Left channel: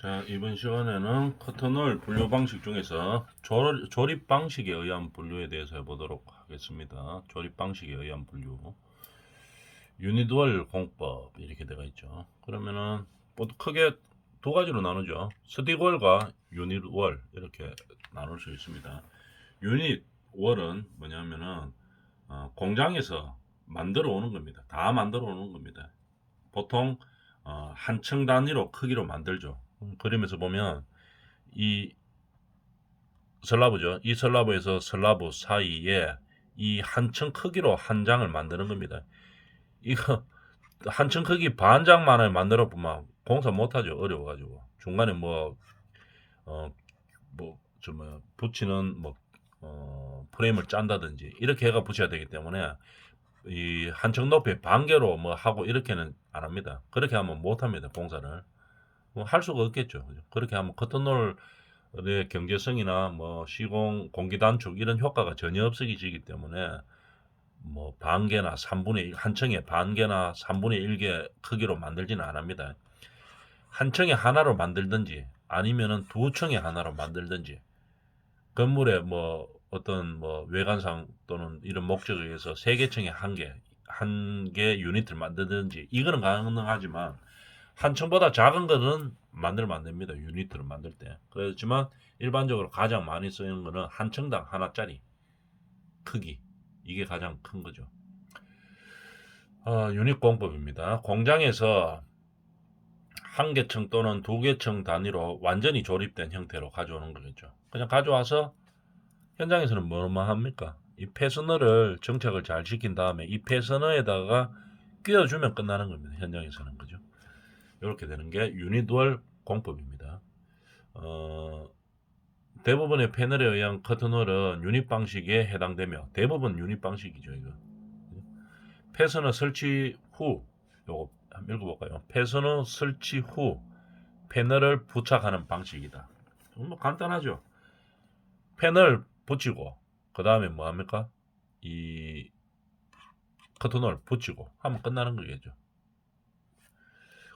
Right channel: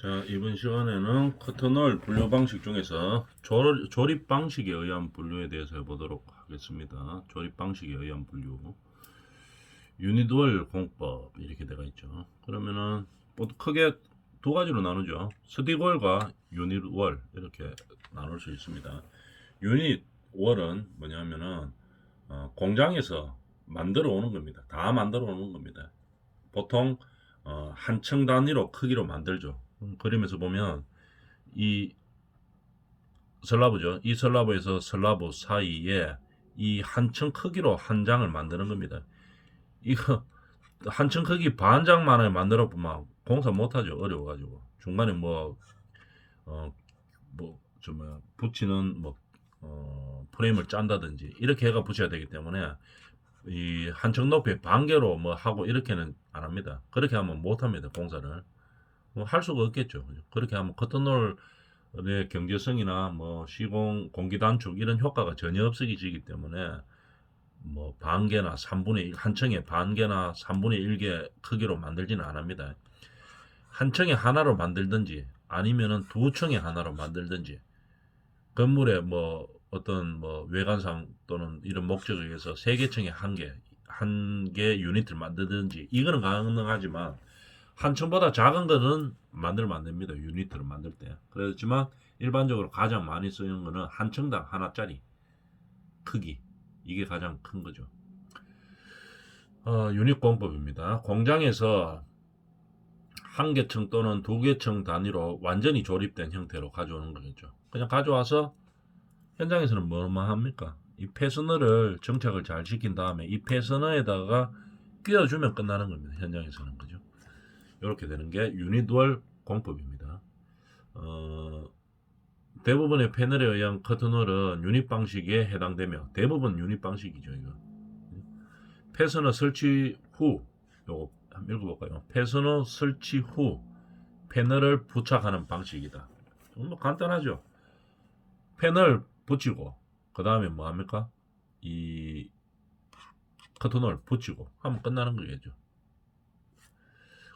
자, 이번 시간에는 커튼홀 분류 방식 중에서 조립 방식에 의한 분류에 대해서 해보도록 하겠습니다. 조립 방식에 의한 분류. 유닛월 공법 이렇게 되어 있죠. 그러면은 모두 크게 두 가지로 나누죠. 스틱월과 유닛월 이렇게 나눌 수 있습니다. 유닛월은 뭐냐면은 공장에서 만들어 오는 겁니다. 다 만들어 오는 겁니다. 보통 한 층 단위로 크기로 만들죠. 그림에서 보면 이 슬라브죠. 이 슬라브에서 슬라브 사이에 이 한 층 크기로 한 장을 만드는 겁니다. 이거 한 층 크기 반 장만을 만들어 보면 공사 못하죠. 어려워가지고 중간에 어, 붙이는 프레임을 짠다든지 이렇게 해가 붙여야 되기 때문에 이 한 층 높이 반 개로 뭐 하고 이렇게는 안 합니다. 그렇게 하면 못 합니다. 공사를. 뭐 할 수가 없겠죠. 그죠? 그렇게 하면 커튼홀의 경제성이나 뭐 시공 공기 단축 이런 효과가 전혀 없어지기 때문에 뭐 반개나 3분의 1, 한 층에 반개나 3분의 1개 크기로 만들지는 않습니다. 한 층에 하나로 만들든지 아니면은 두 층에 하나로 만들든지 건물에 뭐 어떤 뭐 외관상 또는 이런 목적에 의해서 세 개 층에 한 개 유닛을 만들든지 이거는 가능하지만 한 층보다 작은 거는 만들면 안 됩니다. 유닛을 만들 때. 그렇지만 일반적으로 가장 많이 쓰는 거는 한 층당 하나짜리 크기. 이게 가장 큰 거죠. 유닛 공법입니다. 공장에서 한 개 층 또는 두 개 층 단위로 완전히 조립된 형태로 가져오는 거겠죠. 그냥 가져와서 현장에서는 뭐만 합니까? 이 패스너를 정착을 잘 시킨 다음에 이 패스너에다가 끼워주면 끝나는 겁니다. 현장에서는 그죠? 이렇게 되는 게 유닛월 공법입니다. 어, 대부분의 패널에 의한 커튼홀은 유닛 방식에 해당되며 대부분 유닛 방식이죠. 이거 패스너 설치 후 요거 한번 읽어볼까요? 패스너 설치 후 패널을 부착하는 방식이다. 뭐 간단하죠. 패널 붙이고 그 다음에 뭐 합니까? 이 커튼홀 붙이고 하면 끝나는 거겠죠.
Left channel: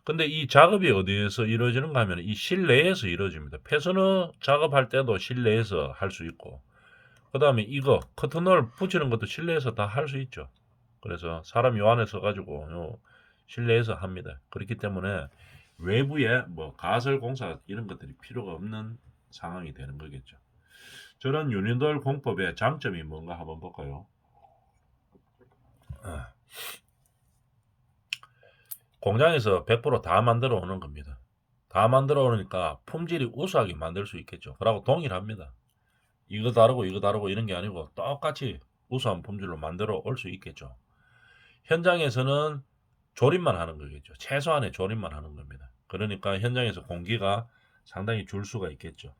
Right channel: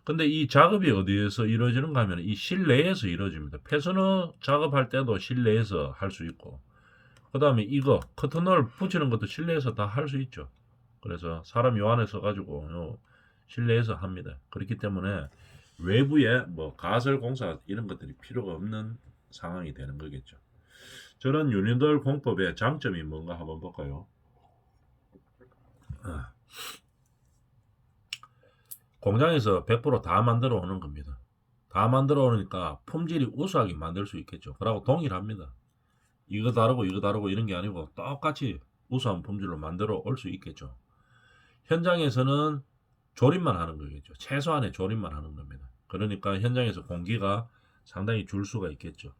근데 이 작업이 어디에서 이루어지는가 하면 이 실내에서 이루어집니다. 패스너 작업할 때도 실내에서 할 수 있고 그 다음에 이거 커튼홀 붙이는 것도 실내에서 다 할 수 있죠. 그래서 사람 요 안에 서가지고 실내에서 합니다. 그렇기 때문에 외부에 뭐 가설 공사 이런 것들이 필요가 없는 상황이 되는 거겠죠. 저런 유니덜 공법의 장점이 뭔가 한번 볼까요? 아, 공장에서 100%다 만들어 오는 겁니다. 다 만들어 오니까 품질이 우수하게 만들 수 있겠죠. 그러고 동일합니다. 이거 다르고 이거 다르고 이런 게 아니고 똑같이 우수한 품질로 만들어 올 수 있겠죠. 현장에서는 조립만 하는 거겠죠. 최소한의 조립만 하는 겁니다. 그러니까 현장에서 공기가 상당히 줄 수가 있겠죠.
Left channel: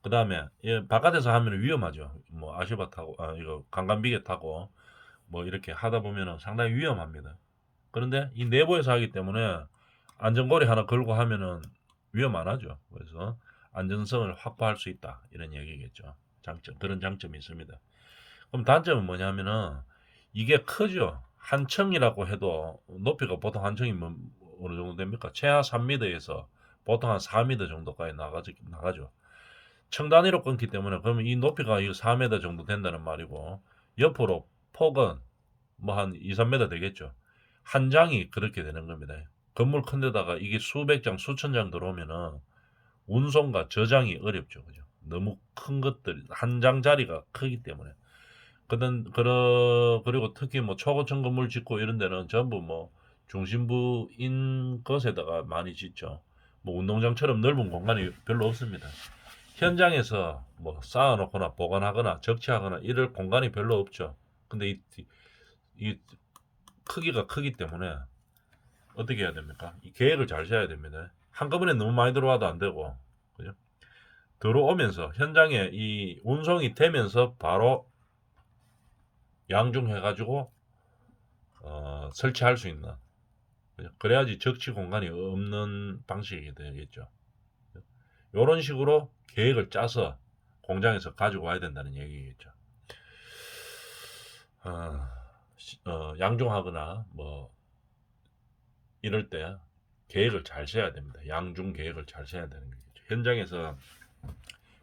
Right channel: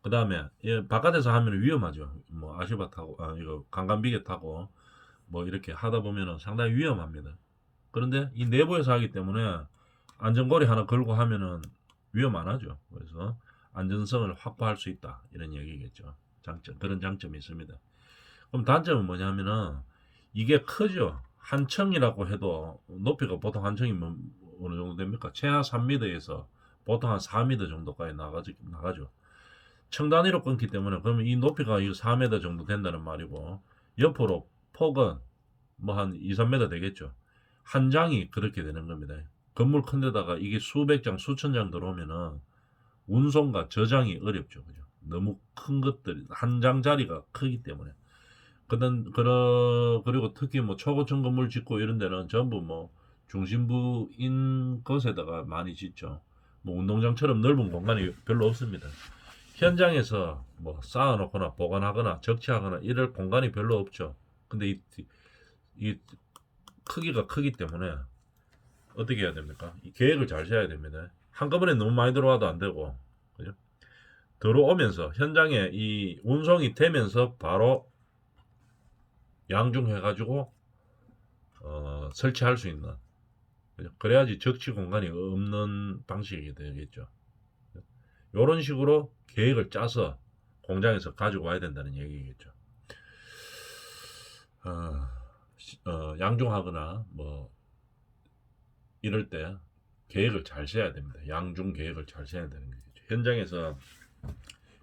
그 다음에 바깥에서 하면 위험하죠. 뭐 아시바 타고 이거 강간비계 타고 뭐 이렇게 하다 보면은 상당히 위험합니다. 그런데 이 내부에서 하기 때문에 안전고리 하나 걸고 하면은 위험 안 하죠. 그래서 안전성을 확보할 수 있다 이런 얘기겠죠. 장점 그런 장점이 있습니다. 그럼 단점은 뭐냐면은 이게 크죠. 한 층이라고 해도 높이가 보통 한 층이면 어느 정도 됩니까? 최하 3m에서 보통 한 4m 정도까지 나가죠. 층 단위로 끊기 때문에 그러면 이 높이가 4m 정도 된다는 말이고 옆으로 폭은 뭐 한 2, 3m 되겠죠. 한 장이 그렇게 되는 겁니다. 건물 큰 데다가 이게 수백 장, 수천 장 들어오면은 운송과 저장이 어렵죠. 그죠? 너무 큰 것들, 한 장짜리가 크기 때문에. 그리고 특히 뭐 초고층 건물 짓고 이런 데는 전부 뭐 중심부인 것에다가 많이 짓죠. 뭐 운동장처럼 넓은 공간이 별로 없습니다. 현장에서 뭐 쌓아놓거나 보관하거나 적치하거나 이럴 공간이 별로 없죠. 근데 이 크기가 크기 때문에 어떻게 해야 됩니까? 이 계획을 잘 세워야 됩니다. 한꺼번에 너무 많이 들어와도 안 되고, 그죠? 들어오면서 현장에 이 운송이 되면서 바로 양중해가지고 설치할 수 있는, 그죠? 그래야지 적치 공간이 없는 방식이 되겠죠. 이런 식으로 계획을 짜서 공장에서 가지고 와야 된다는 얘기겠죠. 양중하거나 뭐 이럴 때 계획을 잘 세워야 됩니다. 양중 계획을 잘 세워야 되는 거죠. 현장에서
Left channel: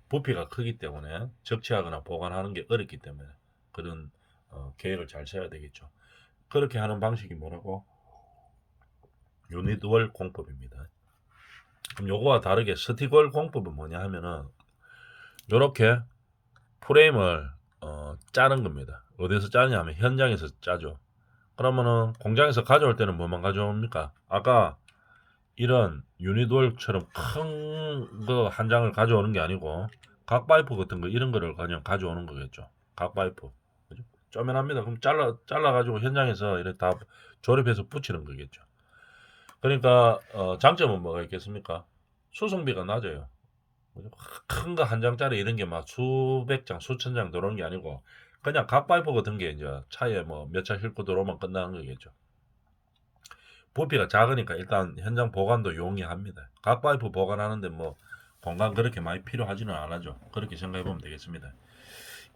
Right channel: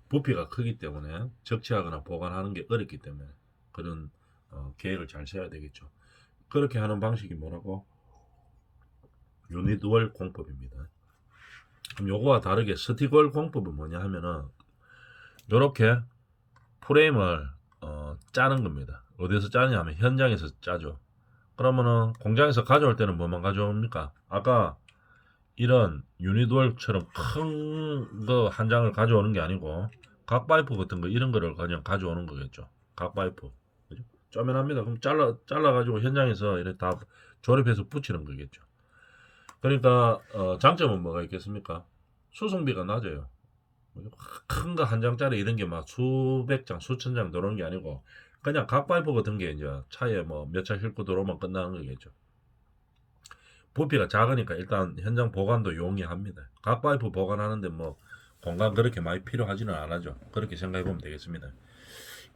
부피가 크기 때문에 적치하거나 보관하는 게 어렵기 때문에 그런 계획을 잘 세워야 되겠죠. 그렇게 하는 방식이 뭐라고? 유닛월 공법입니다. 그럼 요거와 다르게 스틱월 공법은 뭐냐 하면은 요렇게 프레임을 짜는 겁니다. 어디서 짜냐 하면 현장에서 짜죠. 그러면은 공장에서 가져올 때는 뭐만 가져옵니까? 아까 이런 유니돌처럼 큰 거 한 장을 가져오는 게 아니고 각 파이프 같은 거 이런 거를 그냥 가져오는 거겠죠. 각 파이프. 그죠? 쪼면합니다. 그럼 잘라 가지고 현장에서 이렇게 다 조립해서 붙이는 거겠죠. 그러니까 장점은 뭐가 있겠습니까? 수송비가 낮아요. 큰 거 한 장짜리 이런 게 막 수백 장, 수천 장 들어오는 게 아니고 그냥 각 파이프 같은 게 이제 차에 뭐 몇 차 싣고 들어오면 끝나는 거겠죠. 부피가 작으니까 일단 현장 보관도 용이합니다. 각 파이프 보관하는데 뭐 공간 그렇게 많이 필요하지는 않아죠. 그렇게 생각해 보면 되겠습니다.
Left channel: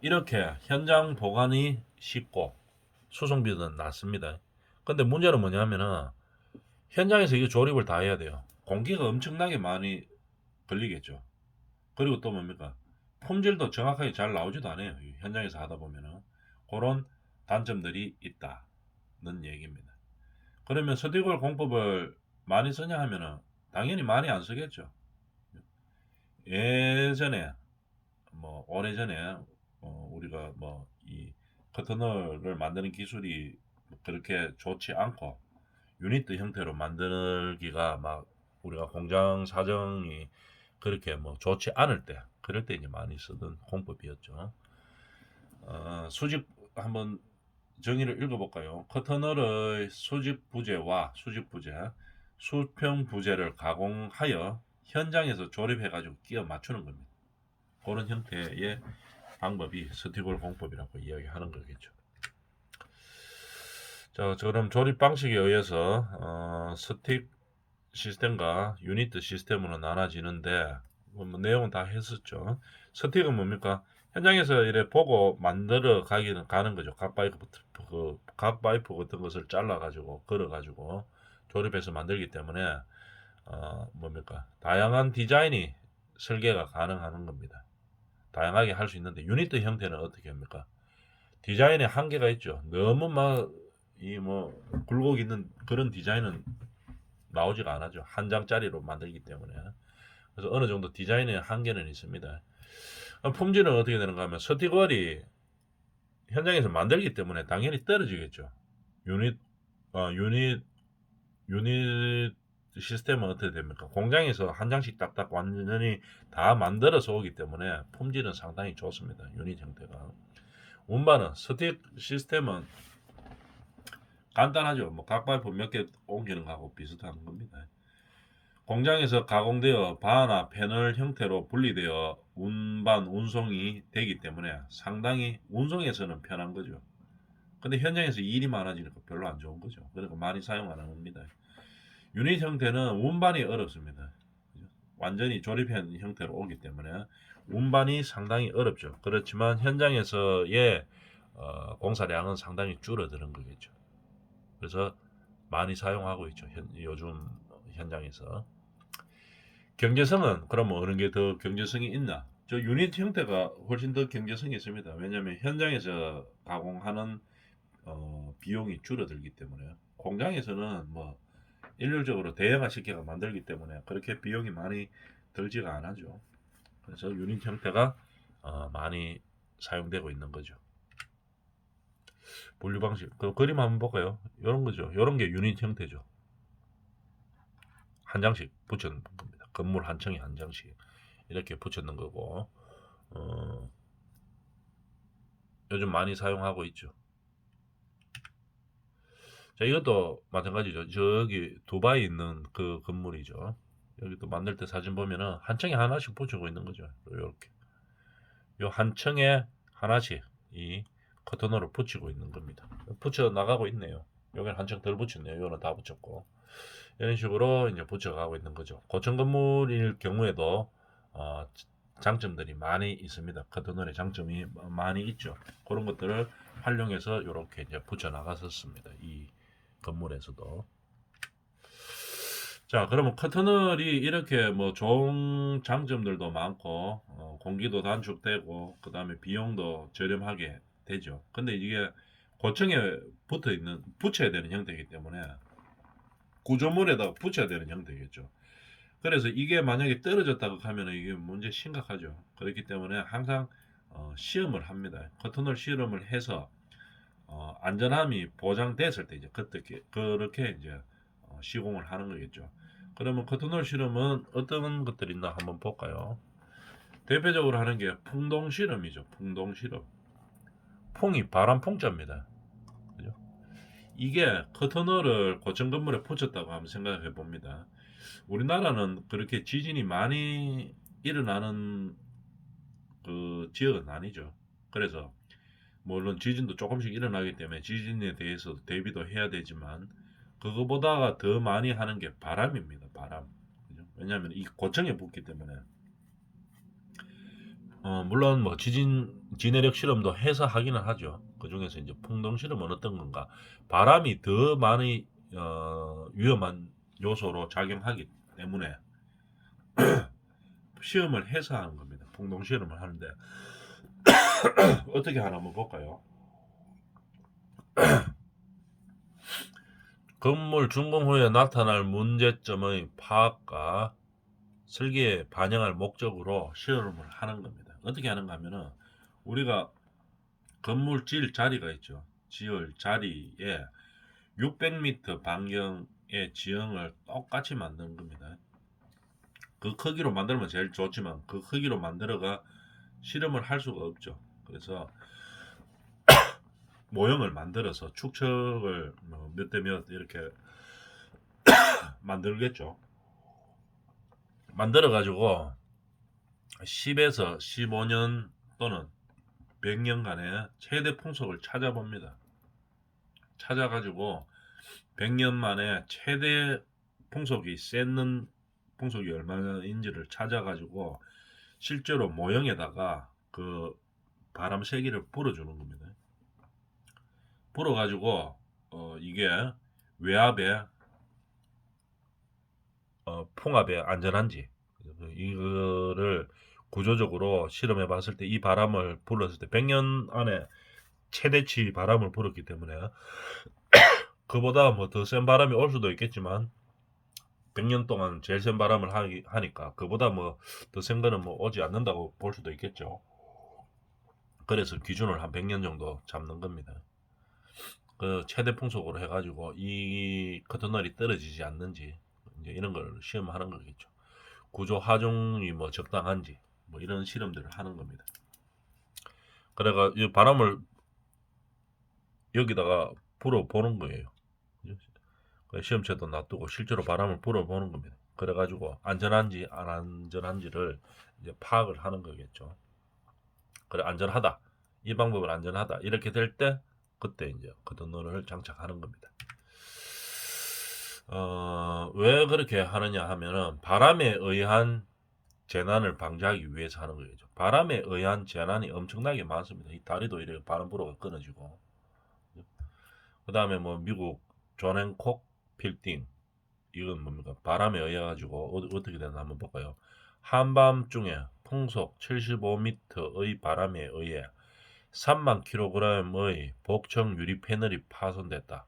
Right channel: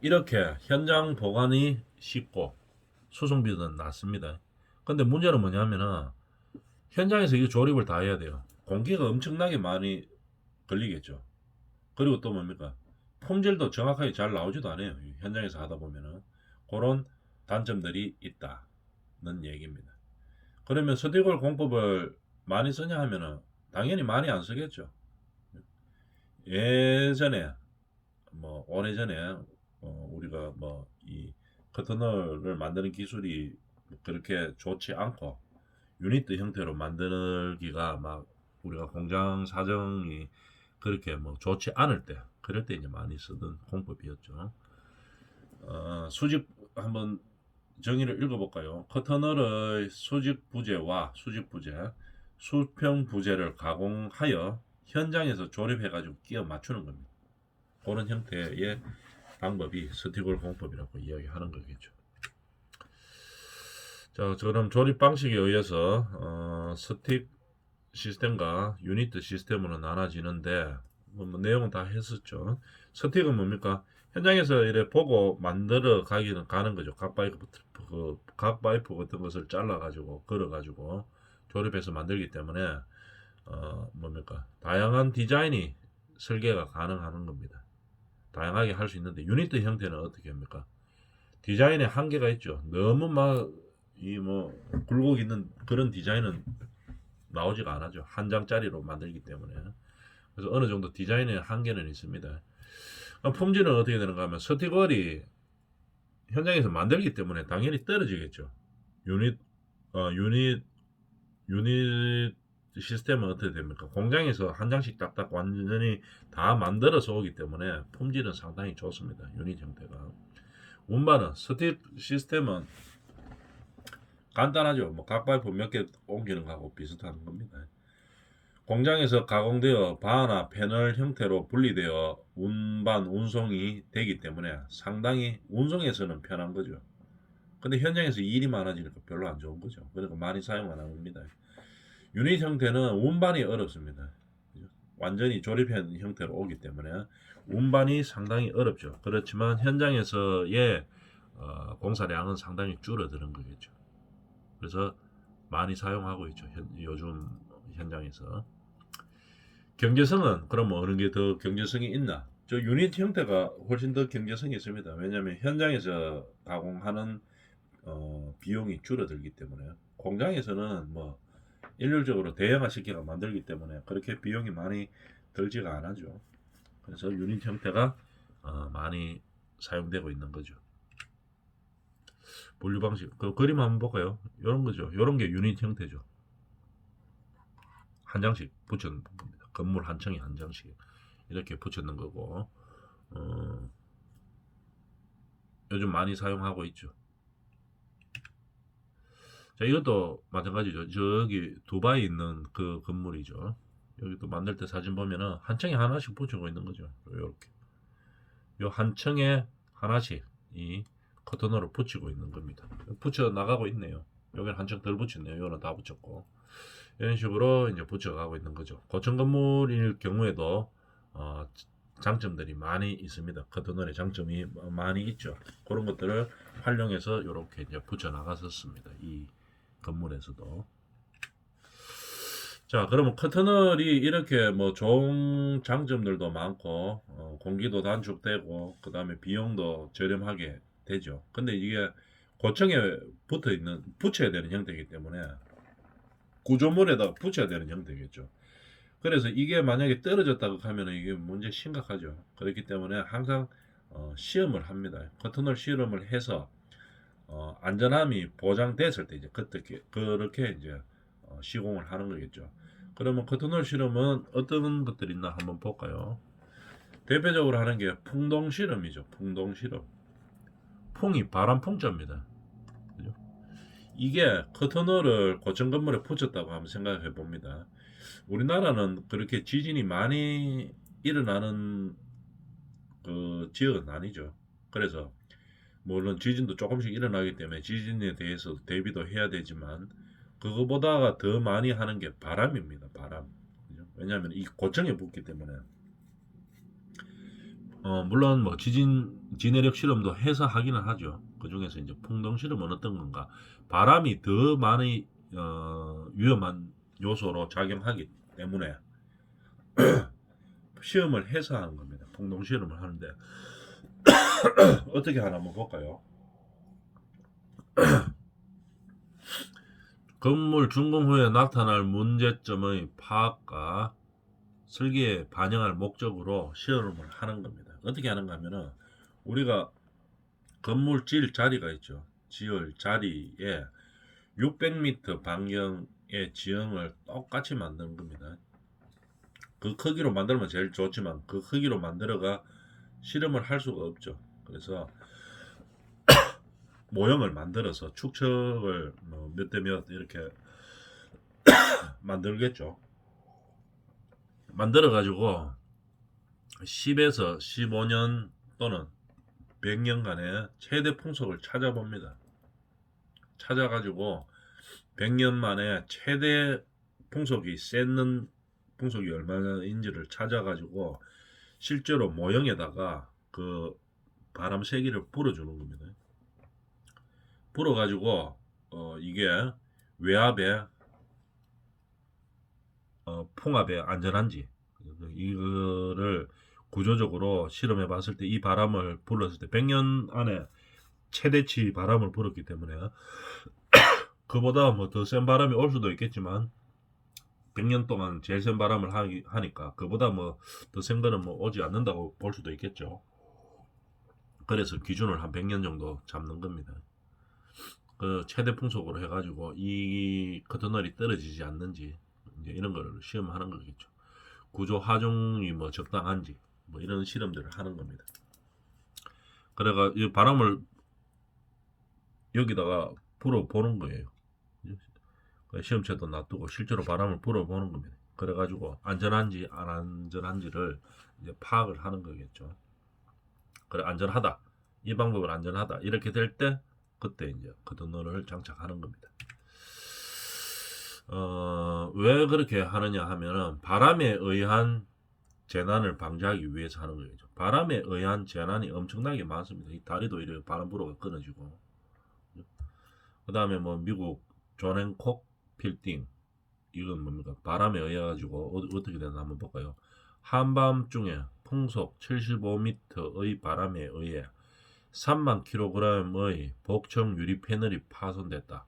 이렇게 현장 보관이 쉽고 수송비는 낮습니다. 근데 문제는 뭐냐면은 현장에서 이 조립을 다 해야 돼요. 공기가 엄청나게 많이 걸리겠죠. 그리고 또 뭡니까? 품질도 정확하게 잘 나오지도 않아요. 현장에서 하다 보면은 그런 단점들이 있다는 얘기입니다. 그러면 스티글 공법을 많이 쓰냐 하면은 당연히 많이 안 쓰겠죠. 예전에 뭐 오래전에 우리가 뭐 이 커터널을 만드는 기술이 그렇게 좋지 않고 유니트 형태로 만들기가 막 우리가 공장 사정이 그렇게 뭐 좋지 않을 때 그럴 때 이제 많이 쓰던 공법이었죠. 수직 한번 정의를 읽어볼까요? 커터널의 수직 부재와 수직 부재, 수평 부재를 가공하여 현장에서 조립해가지고 끼워 맞추는 겁니다. 그런 형태의 방법이 스티글 공법이라고 이야기하는 거겠죠. 자, 그럼 조립 방식에 의해서 스틱 시스템과 유니트 시스템으로 나눠지는데 뭐 내용은 다 했었죠. 스틱은 뭡니까? 현장에서 이래 보고 만들어 가기는 가는 거죠. 각 파이프 같은 것을 잘라 가지고 걸어 가지고 조립해서 만들기 때문에 뭡니까? 다양한 디자인이 설계가 가능한 겁니다. 다양하게 할 수 있는데 유니트 형태는 어떻게 합니까? 디자인에 한계가 있죠. 너무 막 이 뭐 굴곡 있는 그런 디자인은 나오지가 않아죠. 한 장짜리로 만들기 때문에. 그래서 어느 정도 디자인에 한계는 있습니다. 품질은 어떻게 되는가 하면 스티걸이 현장에서 만들기 때문에 당연히 떨어지겠죠. 유닛, 유닛, 유닛 시스템은 어떻게 됩니까? 공장에서 한 장씩 딱딱 완전히 다 만들어서 오기 때문에 품질은 상당히 좋습니다. 유닛 형태가. 운반은 스틱 시스템은 간단하죠. 뭐 각 파이프 몇 개 옮기는 거하고 비슷한 겁니다. 공장에서 가공되어 바나 패널 형태로 분리되어 운반, 운송이 되기 때문에 상당히 운송에서는 편한 거죠. 근데 현장에서 일이 많아지니까 별로 안 좋은 거죠. 그러니까 많이 사용 안 합니다. 유닛 형태는 운반이 어렵습니다. 완전히 조립한 형태로 오기 때문에 운반이 상당히 어렵죠. 그렇지만 현장에서의 공사량은 상당히 줄어드는 거겠죠. 그래서 많이 사용하고 있죠. 요즘 현장에서. 경제성은 그럼 어느 게 더 경제성이 있나? 저 유닛 형태가 훨씬 더 경제성이 있습니다. 왜냐하면 현장에서 가공하는 비용이 줄어들기 때문에 공장에서는 뭐 일률적으로 대형화 시켜가 만들기 때문에 그렇게 비용이 많이 들지가 않아죠. 그래서 유닛 형태가 많이 사용되고 있는 거죠. 분류 방식 그 그림 한번 볼까요? 이런 거죠. 이런 게 유닛 형태죠. 한 장씩 붙여놓은 겁니다. 건물 한 층에 한 장씩 이렇게 붙여놓은 거고 요즘 많이 사용하고 있죠. 자, 이것도 마찬가지죠. 저기 두바이에 있는 그 건물이죠. 여기 또 만들 때 사진 보면은 한 층에 하나씩 붙이고 있는 거죠. 이렇게 요 한 층에 하나씩 이 커튼으로 붙이고 있는 겁니다. 붙여 나가고 있네요. 여기는 한층 덜 붙였네요. 이거는 다 붙였고 이런 식으로 이제 붙여가고 있는 거죠. 고층 건물일 경우에도 어, 장점들이 많이 있습니다. 커튼홀의 장점이 많이 있죠. 그런 것들을 활용해서 이렇게 이제 붙여 나갔었습니다. 이 건물에서도. 자, 그러면 커터널이 이렇게 뭐 좋은 장점들도 많고, 공기도 단축되고, 그 다음에 비용도 저렴하게 되죠. 근데 이게 고층에 붙여야 되는 형태이기 때문에 구조물에다가 붙여야 되는 형태겠죠. 그래서 이게 만약에 떨어졌다고 하면 이게 문제 심각하죠. 그렇기 때문에 항상 시험을 합니다. 커터널 실험을 해서 안전함이 보장됐을 때 이제 그렇게 이제 시공을 하는 거겠죠. 그러면 커튼홀 실험은 어떤 것들이 있나 한번 볼까요? 대표적으로 하는 게 풍동 실험이죠. 풍동 실험. 풍이 바람 풍자입니다. 그죠? 이게 커튼홀을 고층 건물에 붙였다고 한번 생각해 봅니다. 우리나라는 그렇게 지진이 많이 일어나는 그 지역은 아니죠. 그래서 물론 지진도 조금씩 일어나기 때문에 지진에 대해서 대비도 해야 되지만 그거보다가 더 많이 하는 게 바람입니다. 바람. 그죠? 왜냐하면 이 고층에 붙기 때문에 물론 뭐 지내력 실험도 해서 하기는 하죠. 그 중에서 이제 풍동 실험은 어떤 건가? 바람이 더 많이 위험한 요소로 작용하기 때문에 시험을 해서 하는 겁니다. 풍동 실험을 하는데 어떻게 하나 한번 볼까요? 건물 준공 후에 나타날 문제점의 파악과 설계에 반영할 목적으로 시험을 하는 겁니다. 어떻게 하는가 하면은 우리가 건물 지을 자리가 있죠. 지을 자리에 600m 반경의 지형을 똑같이 만드는 겁니다. 그 크기로 만들면 제일 좋지만 그 크기로 만들어가 실험을 할 수가 없죠. 그래서 모형을 만들어서 축척을 몇 대 몇 이렇게 만들겠죠. 만들어 가지고 10에서 15년 또는 100년간의 최대 풍속을 찾아봅니다. 찾아가지고 100년 만에 최대 풍속이 셌는 풍속이 얼마나인지를 찾아가지고 실제로 모형에다가 그 바람 세기를 불어주는 겁니다. 불어가지고 이게 외압에 풍압에 안전한지 이거를 구조적으로 실험해 봤을 때 이 바람을 불었을 때 100년 안에 최대치 바람을 불었기 때문에 그보다 뭐 더 센 바람이 올 수도 있겠지만 100년 동안 제일 센 바람을 하니까 그보다 뭐 더 센 거는 뭐 오지 않는다고 볼 수도 있겠죠. 그래서 기준을 한 100년 정도 잡는 겁니다. 그 최대 풍속으로 해가지고 이 커튼널이 떨어지지 않는지 이제 이런 걸 시험하는 거겠죠. 구조 하중이 뭐 적당한지 뭐 이런 실험들을 하는 겁니다. 그래가 이 바람을 여기다가 불어 보는 거예요. 시험체도 놔두고 실제로 바람을 불어보는 겁니다. 그래가지고 안전한지 안 안전한지를 이제 파악을 하는 거겠죠. 그래 안전하다. 이 방법은 안전하다. 이렇게 될 때 그때 이제 커튼롤을 장착하는 겁니다. 왜 그렇게 하느냐 하면은 바람에 의한 재난을 방지하기 위해서 하는 거죠. 바람에 의한 재난이 엄청나게 많습니다. 이 다리도 이렇게 바람 불어가 끊어지고 그 다음에 뭐 미국 존 앤콕 빌딩 이건 뭡니까? 바람에 의해 가지고 어떻게 되나 한번 볼까요? 한밤중에 풍속 75m의 바람에 의해 3만 kg의 복층 유리 패널이 파손됐다.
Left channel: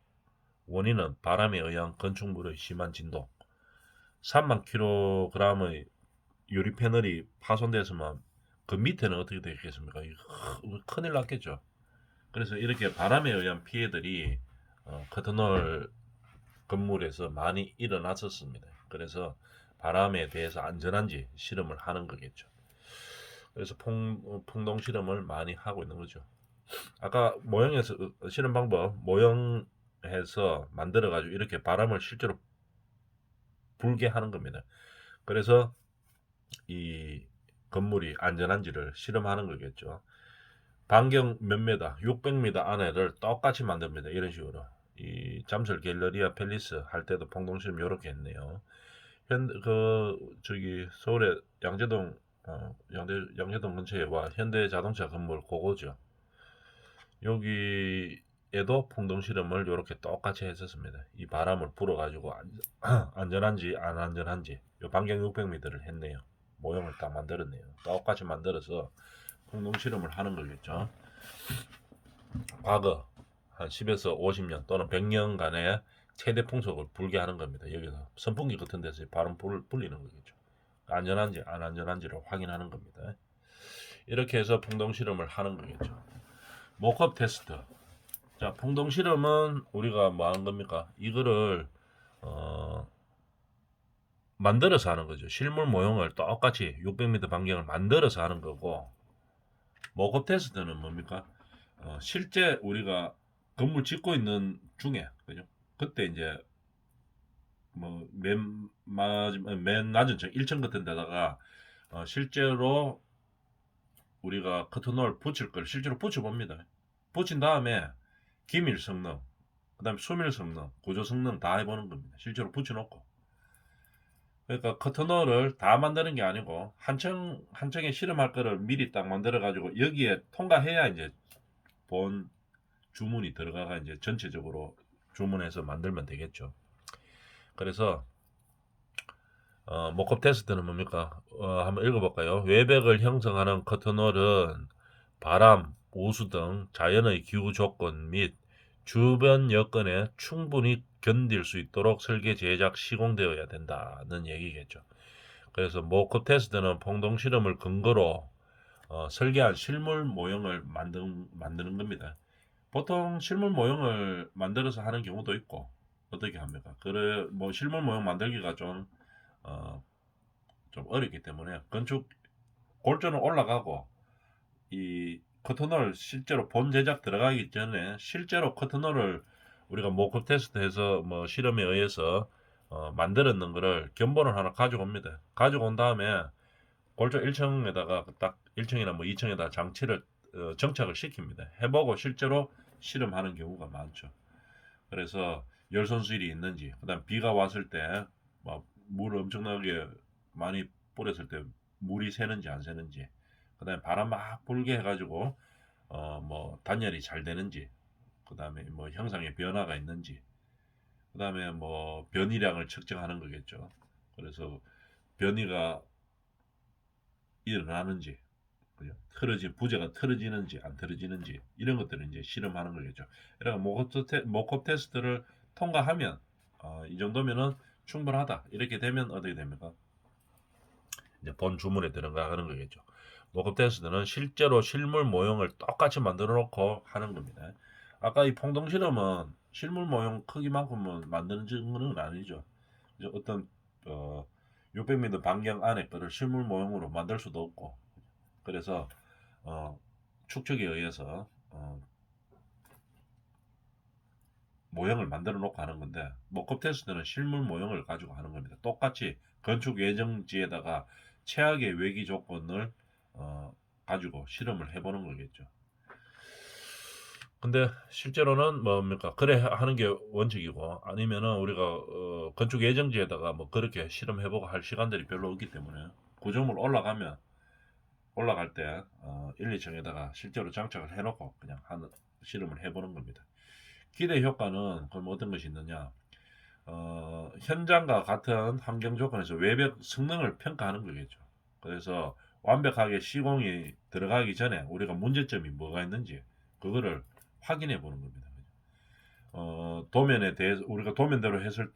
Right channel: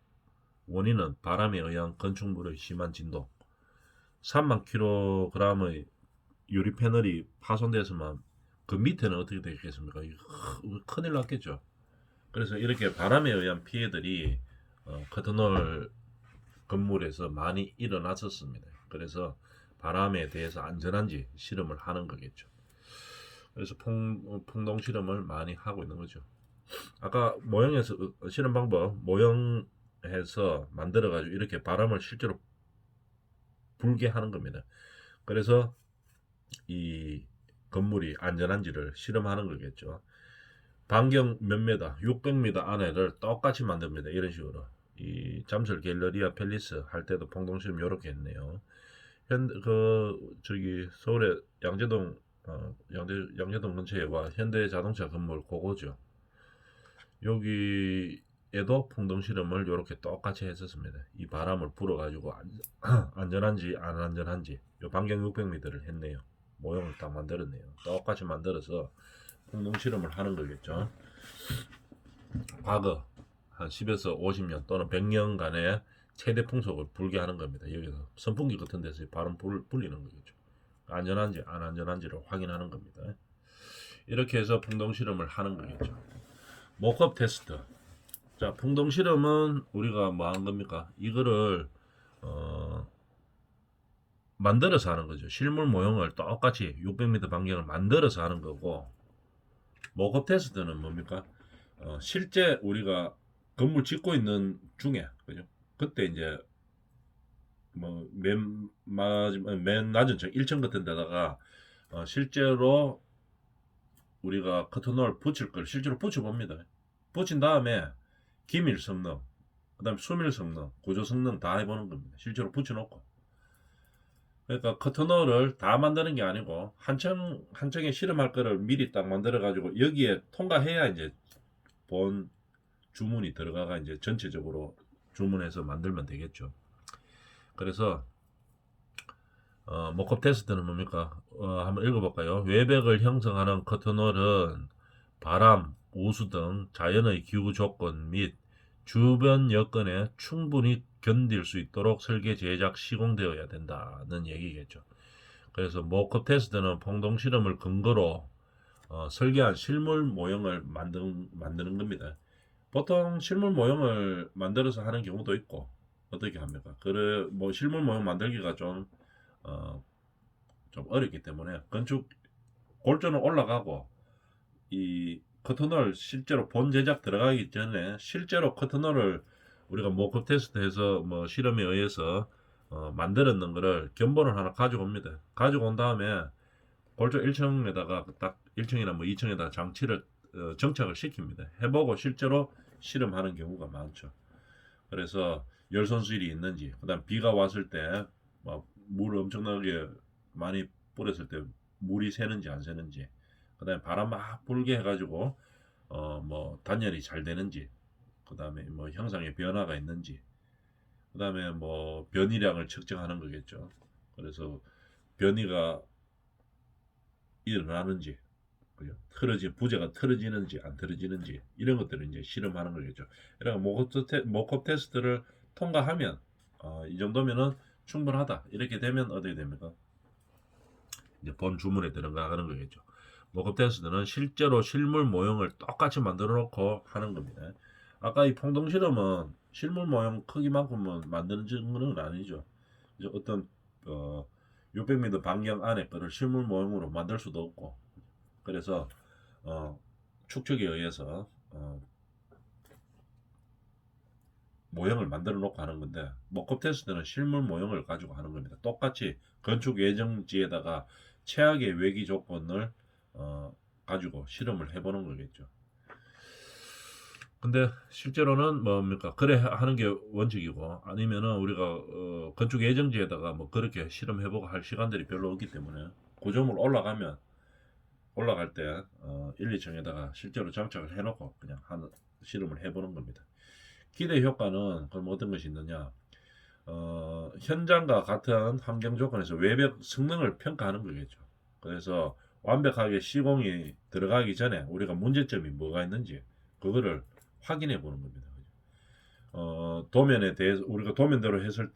원인은 바람에 의한 건축물의 심한 진동. 3만 kg의 유리 패널이 파손됐으면 그 밑에는 어떻게 되겠습니까? 큰일 났겠죠. 그래서 이렇게 바람에 의한 피해들이 커튼홀 건물에서 많이 일어났었습니다. 그래서 바람에 대해서 안전한지 실험을 하는 거겠죠. 그래서 풍동 실험을 많이 하고 있는 거죠. 아까 모형에서 실험 방법 모형해서 만들어 가지고 이렇게 바람을 실제로 불게 하는 겁니다. 그래서 이 건물이 안전한지를 실험하는 거겠죠. 반경 몇 미터, 600m 안에를 똑같이 만듭니다. 이런 식으로. 이 잠실 갤러리아 팰리스 할 때도 풍동실험 이렇게 했네요. 저기 서울의 양재동 양재동 근처에 와 현대자동차 건물 그거죠. 여기 에도 풍동 실험을 이렇게 똑같이 했었습니다. 이 바람을 불어가지고 안전한지 안 안전한지 요 반경 600m를 했네요. 모형을 다 만들었네요. 똑같이 만들어서 풍동 실험을 하는 거겠죠. 과거 한 10에서 50년 또는 100년간의 최대 풍속을 불게 하는 겁니다. 여기서 선풍기 같은 데서 바람 불리는 거겠죠. 안전한지 안 안전한지를 확인하는 겁니다. 이렇게 해서 풍동 실험을 하는 거겠죠. 모컵 테스트. 자, 풍동 실험은 우리가 뭐 하는 겁니까? 이거를 만들어서 하는 거죠. 실물 모형을 똑같이 600m 반경을 만들어서 하는 거고, 모컵 테스트는 뭡니까? 실제 우리가 건물 짓고 있는 중에, 그죠? 그때 이제 뭐 맨 낮은 층 1층 같은 데다가 실제로 우리가 커튼홀 붙일 걸 실제로 붙여봅니다. 붙인 다음에 기밀 성능, 그다음에 수밀 성능, 구조 성능 다 해보는 겁니다. 실제로 붙여놓고. 그러니까 커튼홀을 다 만드는 게 아니고 한 층에 실험할 거를 미리 딱 만들어 가지고 여기에 통과해야 이제 본 주문이 들어가가 이제 전체적으로 주문해서 만들면 되겠죠. 그래서 모컵 테스트는 뭡니까? 한번 읽어볼까요? 외벽을 형성하는 커튼홀은 바람, 우수 등 자연의 기후 조건 및 주변 여건에 충분히 견딜 수 있도록 설계, 제작, 시공되어야 된다는 얘기겠죠. 그래서 모컵 테스트는 풍동 실험을 근거로 설계한 실물 모형을 만드는 겁니다. 보통 실물 모형을 만들어서 하는 경우도 있고 어떻게 합니까? 그래 뭐 실물 모형 만들기가 어, 좀 어렵기 때문에 건축 골조는 올라가고 이 커튼홀 실제로 본 제작 들어가기 전에 실제로 커튼홀을 우리가 모컵 테스트해서 뭐 실험에 의해서 만들었는 거를 견본을 하나 가지고 옵니다. 가지고 온 다음에 골조 1층에다가 딱 1층이나 뭐 2층에다 장치를 정착을 시킵니다. 해보고 실제로 실험하는 경우가 많죠. 그래서 열손수일이 있는지, 그다음 비가 왔을 때 물 엄청나게 많이 뿌렸을 때 물이 새는지 안 새는지, 그다음에 바람 막 불게 해가지고 뭐 단열이 잘 되는지, 그다음에 뭐 형상의 변화가 있는지, 그다음에 뭐 변이량을 측정하는 거겠죠. 그래서 변이가 일어나는지, 그죠? 부재가 틀어지는지 안 틀어지는지 이런 것들을 이제 실험하는 거겠죠. 그러니까 모컵 테스트를 통과하면 이 정도면은 충분하다. 이렇게 되면 어떻게 됩니까? 이제 본 주문에 들어가는 거겠죠. 모컵 테스트는 실제로 실물 모형을 똑같이 만들어 놓고 하는 겁니다. 아까 이 풍동 실험은 실물 모형 크기만큼은 만드는 건 아니죠. 이제 어떤 600m 반경 안에 거를 실물 모형으로 만들 수도 없고, 그래서 축척에 의해서 모형을 만들어 놓고 하는 건데, 모컵 테스트는 실물 모형을 가지고 하는 겁니다. 똑같이 건축 예정지에다가 최악의 외기 조건을 가지고 실험을 해보는 거겠죠. 근데 실제로는 뭡니까? 그래 하는 게 원칙이고, 아니면은 우리가 건축 예정지에다가 뭐 그렇게 실험해보고 할 시간들이 별로 없기 때문에 구조물 올라갈 때 1, 2층에다가 실제로 장착을 해놓고 그냥 하는 실험을 해보는 겁니다. 기대 효과는 그럼 어떤 것이 있느냐? 현장과 같은 환경 조건에서 외벽 성능을 평가하는 거겠죠. 그래서 완벽하게 시공이 들어가기 전에 우리가 문제점이 뭐가 있는지 그거를 확인해 보는 겁니다. 도면에 대해서 우리가 도면대로 했을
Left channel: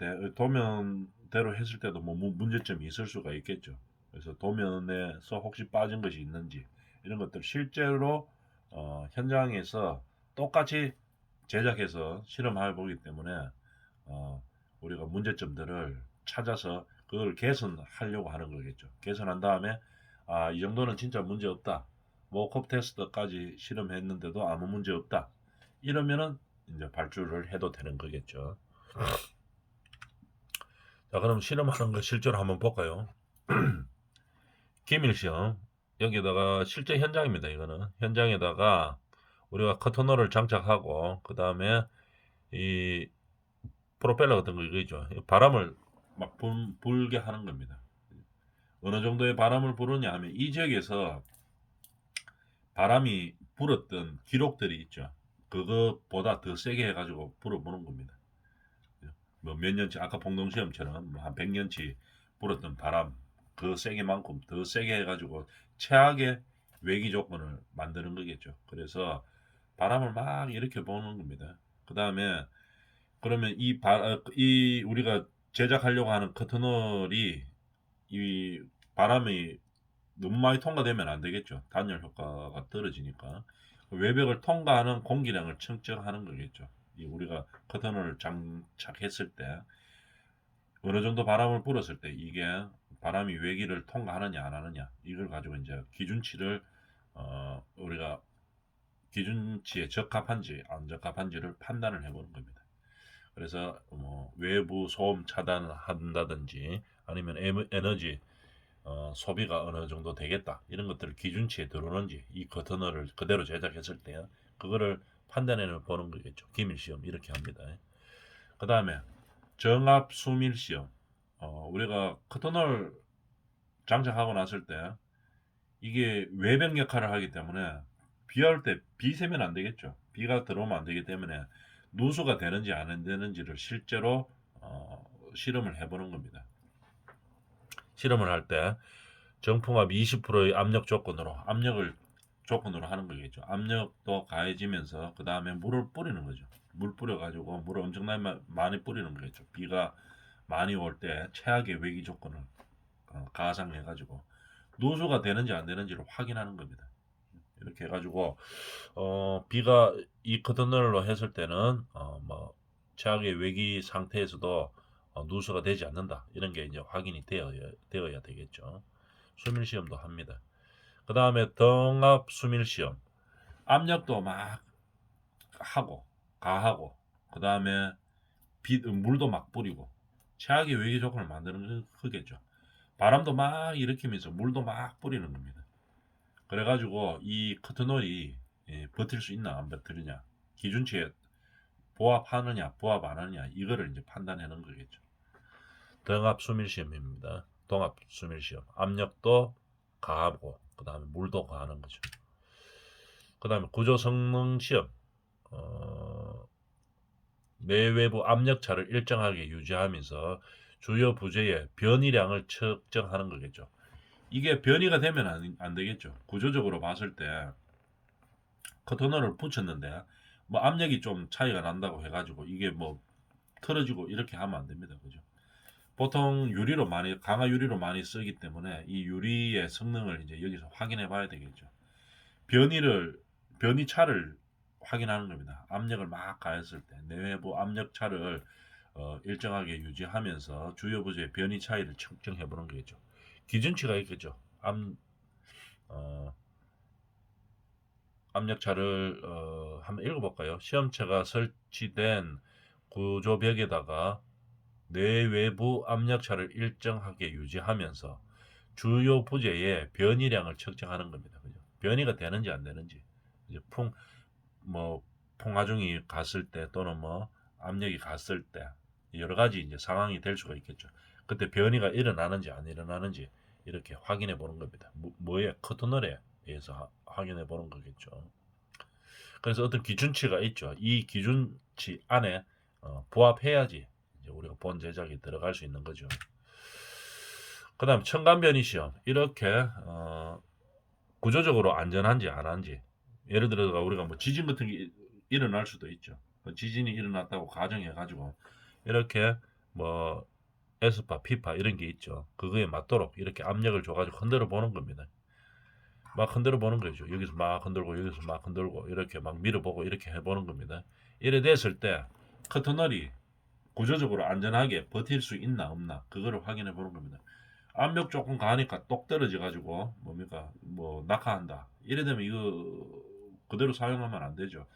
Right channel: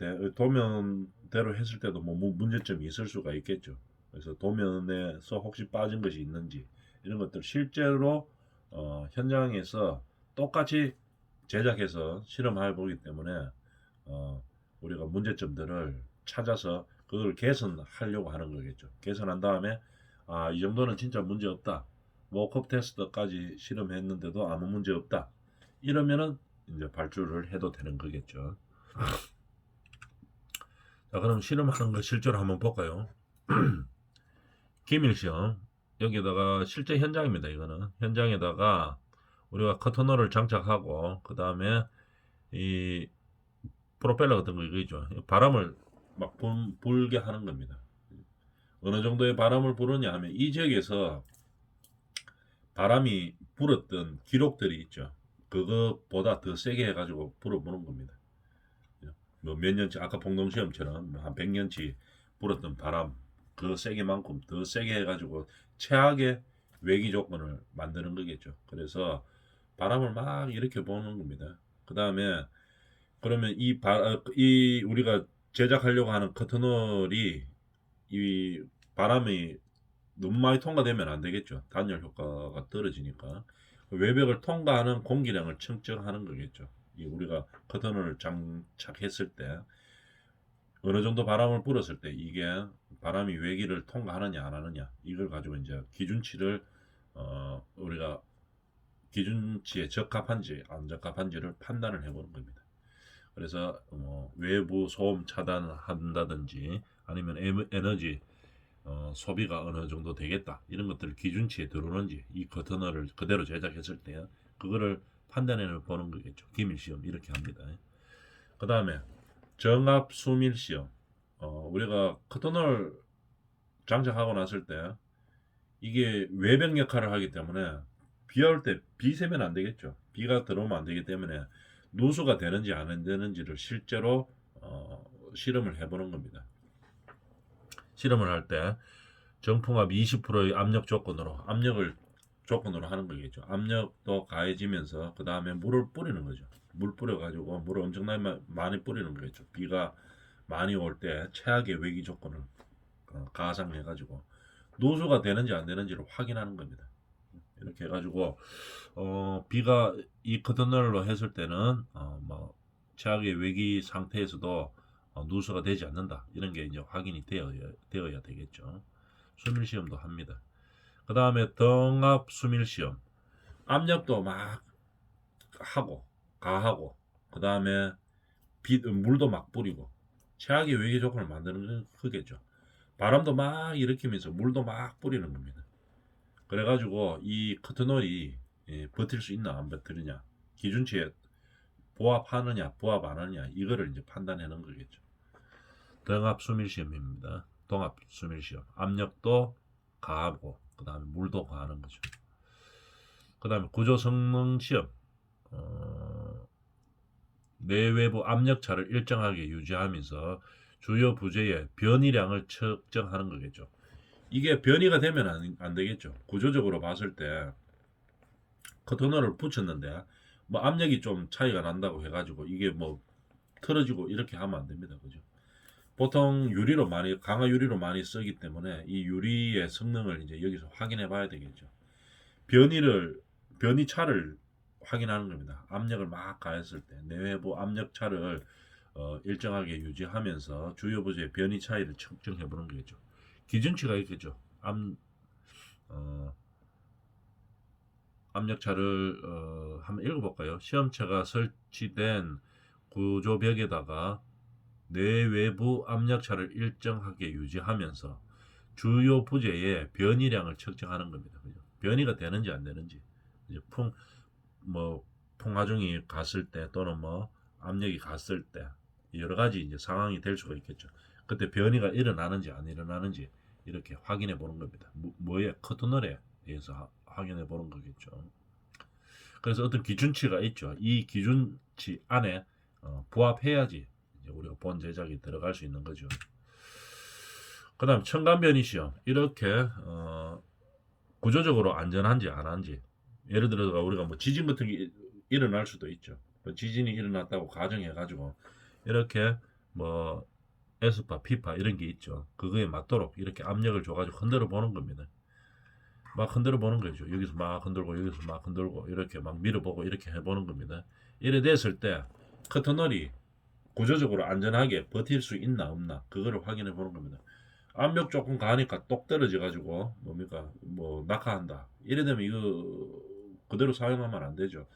때도 뭐 문제점이 있을 수가 있겠죠. 그래서 도면에서 혹시 빠진 것이 있는지 이런 것들 실제로 현장에서 똑같이 제작해서 실험해 보기 때문에 우리가 문제점들을 찾아서 그걸 개선하려고 하는 거겠죠. 개선한 다음에 이 정도는 진짜 문제 없다. 모컵 테스트까지 실험했는데도 아무 문제 없다. 이러면은 이제 발주를 해도 되는 거겠죠. 자, 그럼 실험하는 거 실제로 한번 볼까요? 기밀시험. 여기다가 실제 현장입니다. 이거는 현장에다가 우리가 커튼홀을 장착하고 그 다음에 이 프로펠러 같은 거 이거죠. 바람을 막 불게 하는 겁니다. 어느 정도의 바람을 부르냐 하면 이 지역에서 바람이 불었던 기록들이 있죠. 그것보다 더 세게 해가지고 불어보는 겁니다. 뭐 몇 년치 아까 폭동시험처럼 한 100년치 불었던 바람 그 세게만큼 더 세게 해가지고 최악의 외기 조건을 만드는 거겠죠. 그래서 바람을 막 일으켜 보는 겁니다. 그 다음에 그러면 이 우리가 제작하려고 하는 커튼홀이 이 바람이 너무 많이 통과되면 안 되겠죠. 단열 효과가 떨어지니까 외벽을 통과하는 공기량을 측정하는 거겠죠. 이 우리가 커튼을 장착했을 때 어느 정도 바람을 불었을 때 이게 바람이 외기를 통과하느냐 안 하느냐 이걸 가지고 이제 기준치를 우리가 기준치에 적합한지 안 적합한지를 판단을 해보는 겁니다. 그래서 뭐 외부 소음 차단을 한다든지 아니면 에너지 소비가 어느 정도 되겠다 이런 것들을 기준치에 들어오는지 이 커튼을 그대로 제작했을 때 그거를 판단해 보는 거겠죠. 기밀 시험 이렇게 합니다. 그 다음에 정압 수밀 시험. 우리가 커튼을 장착하고 났을 때 이게 외벽 역할을 하기 때문에 비올 때 비 새면 안 되겠죠. 비가 들어오면 안 되기 때문에 누수가 되는지 안 되는지를 실제로 실험을 해보는 겁니다. 실험을 할 때 정풍압 20%의 압력 조건으로 하는 거겠죠. 압력도 가해지면서 그 다음에 물을 뿌리는 거죠. 물 뿌려가지고 물을 엄청나게 많이 뿌리는 거겠죠. 비가 많이 올 때 최악의 외기 조건을 가상해가지고 누수가 되는지 안 되는지를 확인하는 겁니다. 이렇게 해가지고 비가 이 커튼널로 했을 때는 뭐 최악의 외기 상태에서도 누수가 되지 않는다 이런 게 이제 확인이 되어야 되겠죠. 수밀 시험도 합니다. 그 다음에 등압 수밀 시험 압력도 막 하고 가하고 그 다음에 물도 막 뿌리고 최악의 외기 조건을 만드는 거겠죠. 바람도 막 일으키면서 물도 막 뿌리는 겁니다. 그래가지고 이 커튼홀이 버틸 수 있나 안 버티느냐 기준치에 부합하느냐 부합 안 하느냐 이거를 이제 판단하는 거겠죠. 등압 수밀 시험입니다. 동압 수밀 시험 압력도 가하고 그 다음에 물도 가하는 거죠. 그 다음에 구조 성능 시험 내외부 압력차를 일정하게 유지하면서 주요 부재의 변이량을 측정하는 거겠죠. 이게 변이가 되면 안 되겠죠. 구조적으로 봤을 때 커튼홀을 붙였는데 뭐 압력이 좀 차이가 난다고 해가지고 이게 뭐 틀어지고 이렇게 하면 안 됩니다. 그죠? 보통 강화 유리로 많이 쓰기 때문에 이 유리의 성능을 이제 여기서 확인해 봐야 되겠죠. 변이차를 확인하는 겁니다. 압력을 막 가했을 때 내외부 압력 차를 일정하게 유지하면서 주요 부재의 변이 차이를 측정해 보는 거겠죠. 기준치가 있겠죠. 압력차를 한번 읽어볼까요? 시험체가 설치된 구조벽에다가 내외부 압력차를 일정하게 유지하면서 주요 부재의 변이량을 측정하는 겁니다. 그죠? 변이가 되는지 안 되는지 이제 풍하중이 갔을 때 또는 뭐 압력이 갔을 때 여러 가지 이제 상황이 될 수가 있겠죠. 그때 변이가 일어나는지 안 일어나는지 이렇게 확인해 보는 겁니다. 뭐에 커튼홀에 의해서 확인해 보는 거겠죠. 그래서 어떤 기준치가 있죠. 이 기준치 안에 부합해야지 이제 우리가 본 제작이 들어갈 수 있는 거죠. 그 다음 첨가변이 시험 이렇게 구조적으로 안전한지 안 한지 예를 들어서 우리가 뭐 지진 같은 게 일어날 수도 있죠. 지진이 일어났다고 가정해 가지고 이렇게 뭐 에스파, 피파 이런 게 있죠. 그거에 맞도록 이렇게 압력을 줘가지고 흔들어 보는 겁니다. 막 흔들어 보는 거죠. 여기서 막 흔들고 여기서 막 흔들고 이렇게 막 밀어보고 이렇게 해보는 겁니다. 이래 됐을 때 커튼널이 구조적으로 안전하게 버틸 수 있나 없나 그거를 확인해 보는 겁니다. 압력 조금 가니까 똑 떨어져 가지고 뭡니까 뭐 낙하한다. 이래 되면 이거 그대로 사용하면 안 되죠.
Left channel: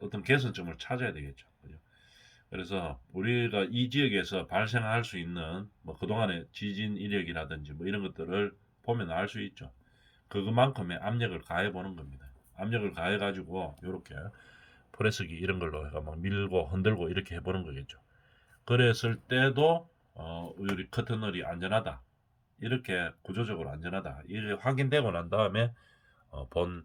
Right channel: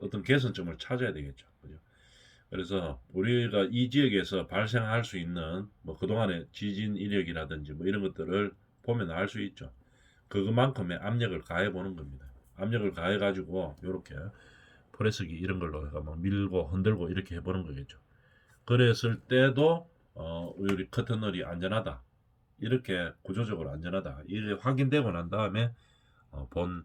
어떤 개선점을 찾아야 되겠죠. 그죠? 그래서 우리가 이 지역에서 발생할 수 있는 뭐 그동안의 지진 이력이라든지 뭐 이런 것들을 보면 알 수 있죠. 그것만큼의 압력을 가해 보는 겁니다. 압력을 가해 가지고 이렇게 프레스기 이런 걸로 해가 막 밀고 흔들고 이렇게 해보는 거겠죠. 그랬을 때도 우리 커튼널이 안전하다. 이렇게 구조적으로 안전하다. 이게 확인되고 난 다음에 본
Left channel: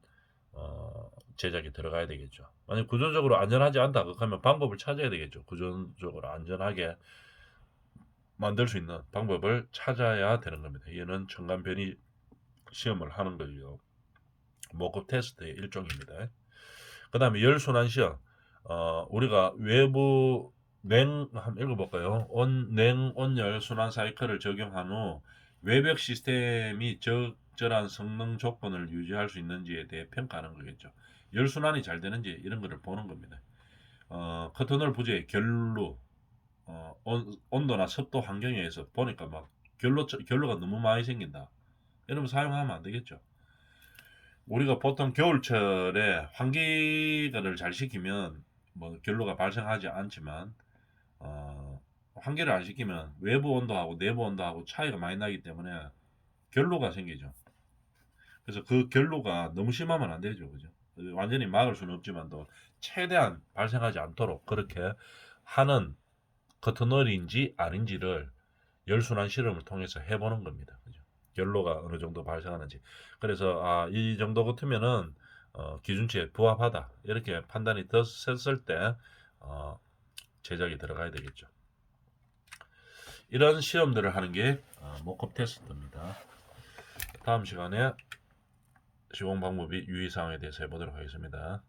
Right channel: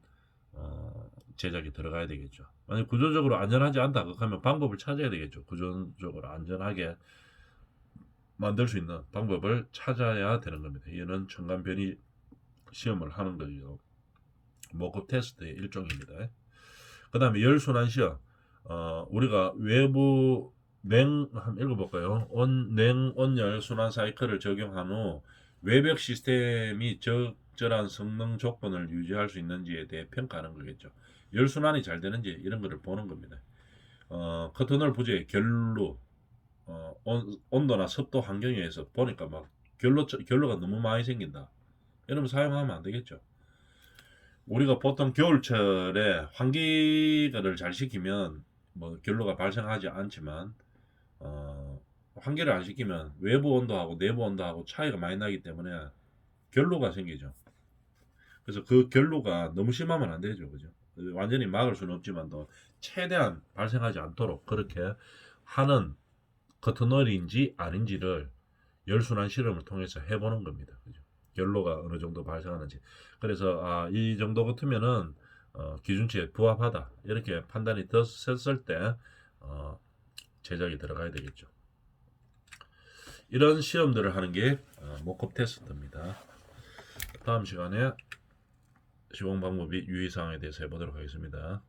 제작이 들어가야 되겠죠. 만약 구조적으로 안전하지 않다 그러면 방법을 찾아야 되겠죠. 구조적으로 안전하게 만들 수 있는 방법을 찾아야 되는 겁니다. 이는 첨단 변이 시험을 하는 거죠. 모급 테스트의 일종입니다. 그 다음에 열순환 시험. 우리가 외부 한번 읽어볼까요? 냉, 온열 순환 사이클을 적용한 후 외벽 시스템이 적절한 성능 조건을 유지할 수 있는지에 대해 평가하는 거겠죠. 열순환이 잘 되는지 이런 거를 보는 겁니다. 커터널 부재의 결로, 온도나 습도 환경에 의해서 보니까 막 결로가 너무 많이 생긴다. 이러면 사용하면 안 되겠죠. 우리가 보통 겨울철에 환기를 잘 시키면 뭐 결로가 발생하지 않지만 환기를 안 시키면 외부 온도하고 내부 온도하고 차이가 많이 나기 때문에 결로가 생기죠. 그래서 그 결로가 너무 심하면 안 되죠, 그죠? 완전히 막을 수는 없지만도 최대한 발생하지 않도록 그렇게 하는 커튼널인지 아닌지를 열순환 실험을 통해서 해보는 겁니다. 그죠? 결로가 어느 정도 발생하는지. 그래서 이 정도 같으면은 기준치에 부합하다 이렇게 판단이 됐을 때 제작이 들어가야 되겠죠. 이런 시험들을 하는 게 모컵 테스트입니다. 다음 시간에 시공 방법이 유의사항에 대해서 해보도록 하겠습니다.